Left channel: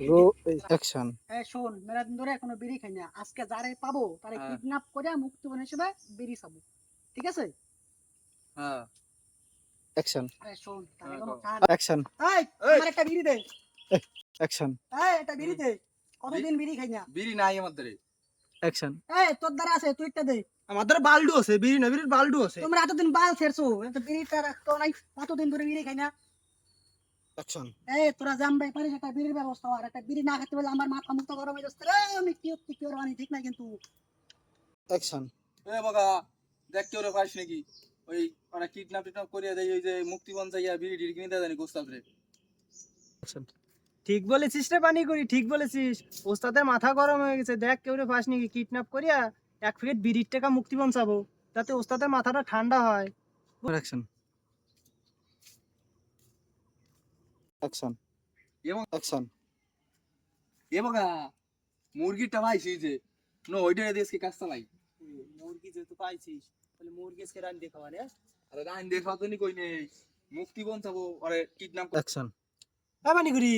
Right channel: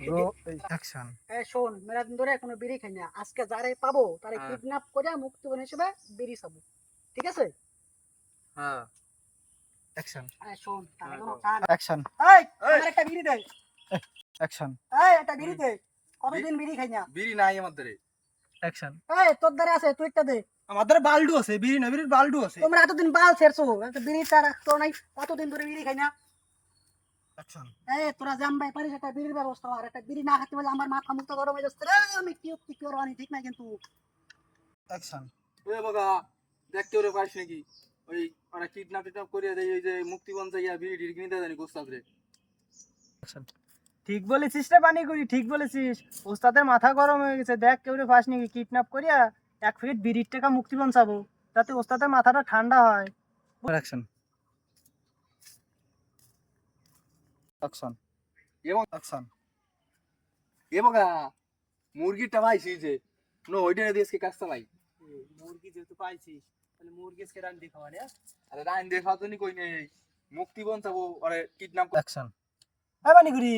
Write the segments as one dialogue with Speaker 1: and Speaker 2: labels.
Speaker 1: Rho action
Speaker 2: এই শোন মেরা দিন ধরে এখনও বিড়ি খাই না। আজকে যারে পাবো তারে
Speaker 3: হ্যাঁ।
Speaker 2: কিডন্যাপ করে মুক্তিপণ হিসেবে বিড়ি খাব। ঠিক আছে?
Speaker 3: হ্যাঁ।
Speaker 1: অ্যাকশন
Speaker 2: এই শোন তার
Speaker 3: হ্যাঁ,
Speaker 2: কোনো
Speaker 3: কও।
Speaker 1: অ্যাকশন
Speaker 2: এই
Speaker 3: এই।
Speaker 2: আমার একটা বিড়ি দে।
Speaker 1: অ্যাকশন
Speaker 2: এই একটা বিড়ি দে। কতদিন বিড়ি খাই না?
Speaker 3: বিড়ি নাই আমার ধরে।
Speaker 1: অ্যাকশন
Speaker 2: এই তোর দ্বারা আছে তুই একটা দে।
Speaker 4: আমাদের বাল্ডু আছে বিড়ি না বিড়ির বাল্ডু আছে।
Speaker 2: তোমরা এতদিন বাল ছেড়ছো বিড়ি তার তো নাই কতদিন ধরে বিড়ি খাই না? এই তোরা জানবাই পারিস একটা বিড়ির ব্যবস্থা আর একটা বিড়ি না খেতে বলে আমার মাথা মুক্ত গরম হয়ে যাচ্ছে রে আমি কি কি কি রানি ঠিক না কিন্তু।
Speaker 1: অ্যাকশন
Speaker 3: এ বাবা দেখতে ওরে পারিস নাকি? ওই ওরা কিডন্যাপ টিডন্যাপ করে দেয় ওই যে মুক্তিবন যাইয়া বিড়ি টিড়ি কিনে দেয় জানি গোস্তাদ রে।
Speaker 4: ঠিক বলেছিস রে পানি করি ঠিক বলেছিস। ওস্তাদের মাথা গরম হয়ে গেছে দেখ কেউ রে পাস নাকি কিডন্যাপ করিয়া এক প্যাকেট বিড়ির টাকা মুক্তি পৌঁছাবো যাতে ওস্তাদের মাথাটা ঠান্ডা হয়।
Speaker 1: অ্যাকশন অ্যাকশন
Speaker 3: এবং
Speaker 1: অ্যাকশন
Speaker 3: এ বাবা মুরগিটা পাইছি যে নো ওইটা দিয়ে আজকে কাজ চালাই
Speaker 4: মুরগি যেহেতু পাইছিস তাহলে মুরগি আজকে রান দেখাবা রে
Speaker 3: আরে রাইন দেখা তো নি কই নেই মুক্তিবন যাব আরে কিডন্যাপ
Speaker 1: অ্যাকশন
Speaker 4: হ্যাঁ পানি করি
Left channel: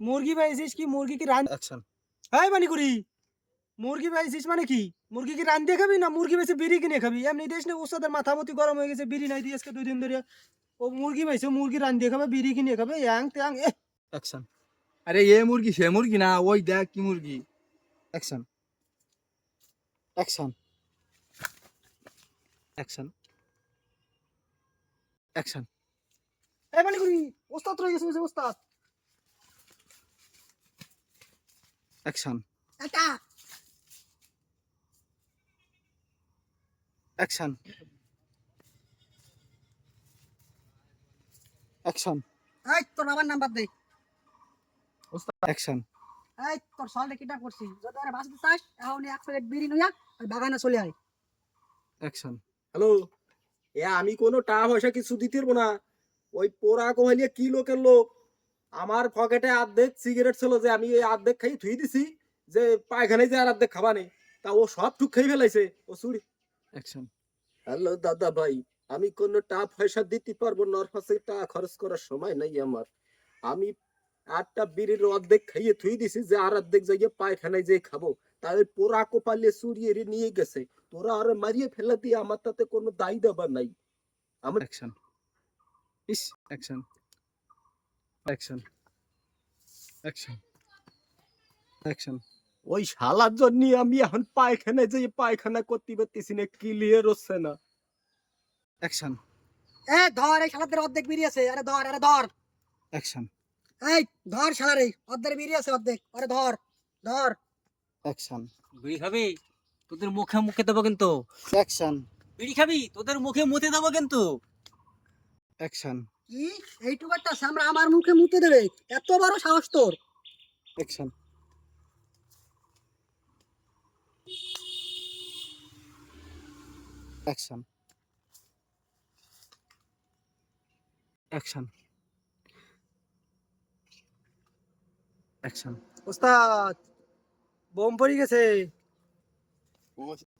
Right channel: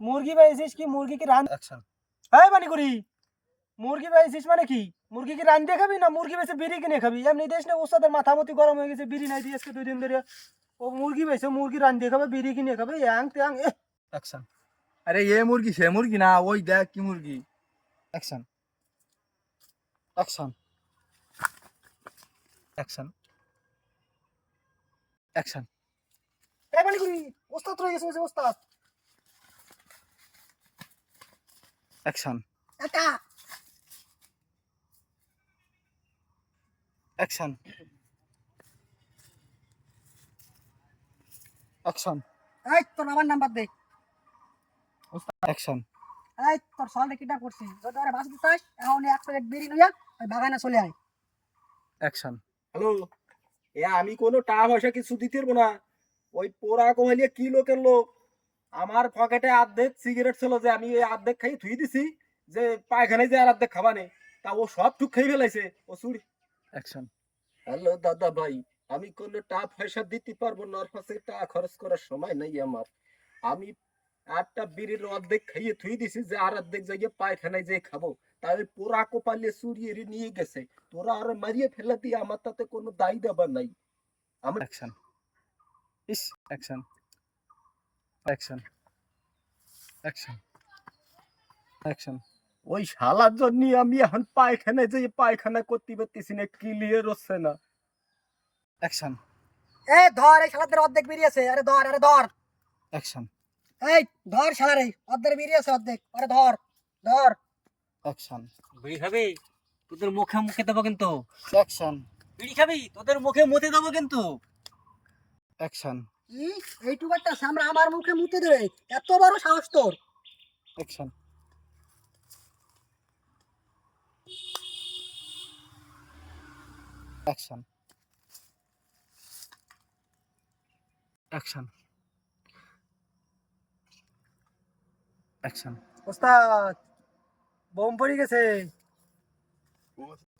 Speaker 4: মুরগি পাইছিস কি মুরগি কি রান
Speaker 1: অ্যাকশন
Speaker 4: হ্যাঁ পানি করি মুরগি পাইছিস মানে কি? মুরগি কি রান দিয়ে খাবি না মুরগি বেশি বিড়ি কিনে খাবি? এমনি দেশ না ওস্তাদের মাথা মতি গরম হয়ে গেছে বিড়ি নাই দিয়ে আজকে দুই দিন ধরে ও মুরগি পাইছে মুরগি রান দিয়ে খাবে বিড়ি কিনে খাবে ইয়াং ত্যাং এ
Speaker 1: অ্যাকশন
Speaker 3: আরে এ মুরগি সে মুরগি না ওই দেখ কি মুরগি
Speaker 1: অ্যাকশন অ্যাকশন অ্যাকশন অ্যাকশন
Speaker 4: এই পানি করি ওস্তাদ রয়ে গেছে ওই যে ওস্তাদ
Speaker 1: অ্যাকশন
Speaker 2: এটা
Speaker 1: অ্যাকশন অ্যাকশন
Speaker 2: এই তোর বাবার নাম্বার দে।
Speaker 1: অ্যাকশন
Speaker 2: এই তোর সলটা কিডন্যাপ করছি যদি আরে বাঁচতে চাস এখন এক প্যাকেট বিড়ি নইয়া ওই বাগানে চলে আয়।
Speaker 1: অ্যাকশন
Speaker 5: হ্যালো এ আমি কোনো টাকা পয়সা কিছু দিতে পারব না। ওই পোড়া কোহালিয়া কি লোকের লোক আমার পকেটে অর্ধেক সিগারেট ছিল যে আমি এই অর্ধেক খাই থুই দিছি যে পায়খানায় যে আর অর্ধেক খাবা নেই তা ও সব ঠুক খেয়ে ফেলাইছে। ও চুরি।
Speaker 1: অ্যাকশন
Speaker 5: হ্যালো দাদা ভাই। আমি কোনো টাকা পয়সা দিতে পারব না ওর পাশে টাকা খরচ করার সময় নাই আমার। আমি আটটা বিড়ির অর্ধেক খাইয়ে থুই দিছি যে আর অর্ধেক জায়গায় পায়খানায় যে খাব। ওই পোড়া কোপালিয়ে চুরিয়ে নিয়ে গেছে। তোরা আর মারিয়ে ফেলে দিয়ে আমার তাতে কোনো দায়ী দেবার নাই। আমার
Speaker 1: action is action action action action
Speaker 5: ওই শালার জন্য আমি এখন পায়খানায় যে পায়খানা করতে পারতেছি না ক্লিয়ার হচ্ছে না।
Speaker 1: অ্যাকশন
Speaker 2: এ ধর এই শালাদের অর্ধেক বিড়ি আছে। আরে ধর আরে ধর।
Speaker 1: অ্যাকশন
Speaker 2: এই ধর শালার এই অর্ধেক বিড়ি আছে অর্ধেক। আরে ধর ধর।
Speaker 1: অ্যাকশন
Speaker 6: বিড়ি খাবি? তোদের মুখে মুখে দেবো কিন্তু।
Speaker 1: অ্যাকশন
Speaker 6: বিড়ি খাবি? তোদের মুখে মুতে দেবো কিন্তু।
Speaker 1: অ্যাকশন
Speaker 2: কি? এইটুকু একটা সামরা আমার মুখে মুতে দেবে। এত বড় সাহস তোর।
Speaker 1: অ্যাকশন অ্যাকশন অ্যাকশন অ্যাকশন
Speaker 4: ওস্তাদ বোম পড়ে গেছে।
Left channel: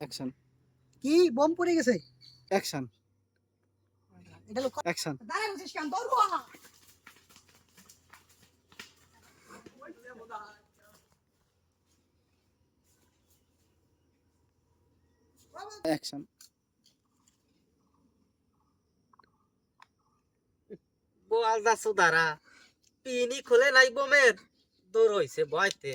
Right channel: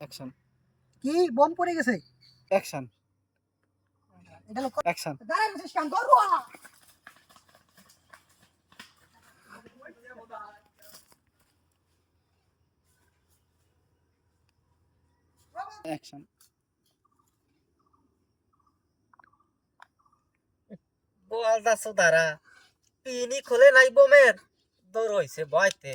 Speaker 1: অ্যাকশন
Speaker 2: কি? বোম পড়ে গেছে?
Speaker 1: অ্যাকশন
Speaker 2: এটা লোক
Speaker 1: অ্যাকশন
Speaker 2: দাঁড়ায় বসিস কেন? ধর
Speaker 1: অ্যাকশন
Speaker 6: বোয়াল সুদারা পিনি খুলে নাই বোমের। দৌড় হয়েছে ভয়তে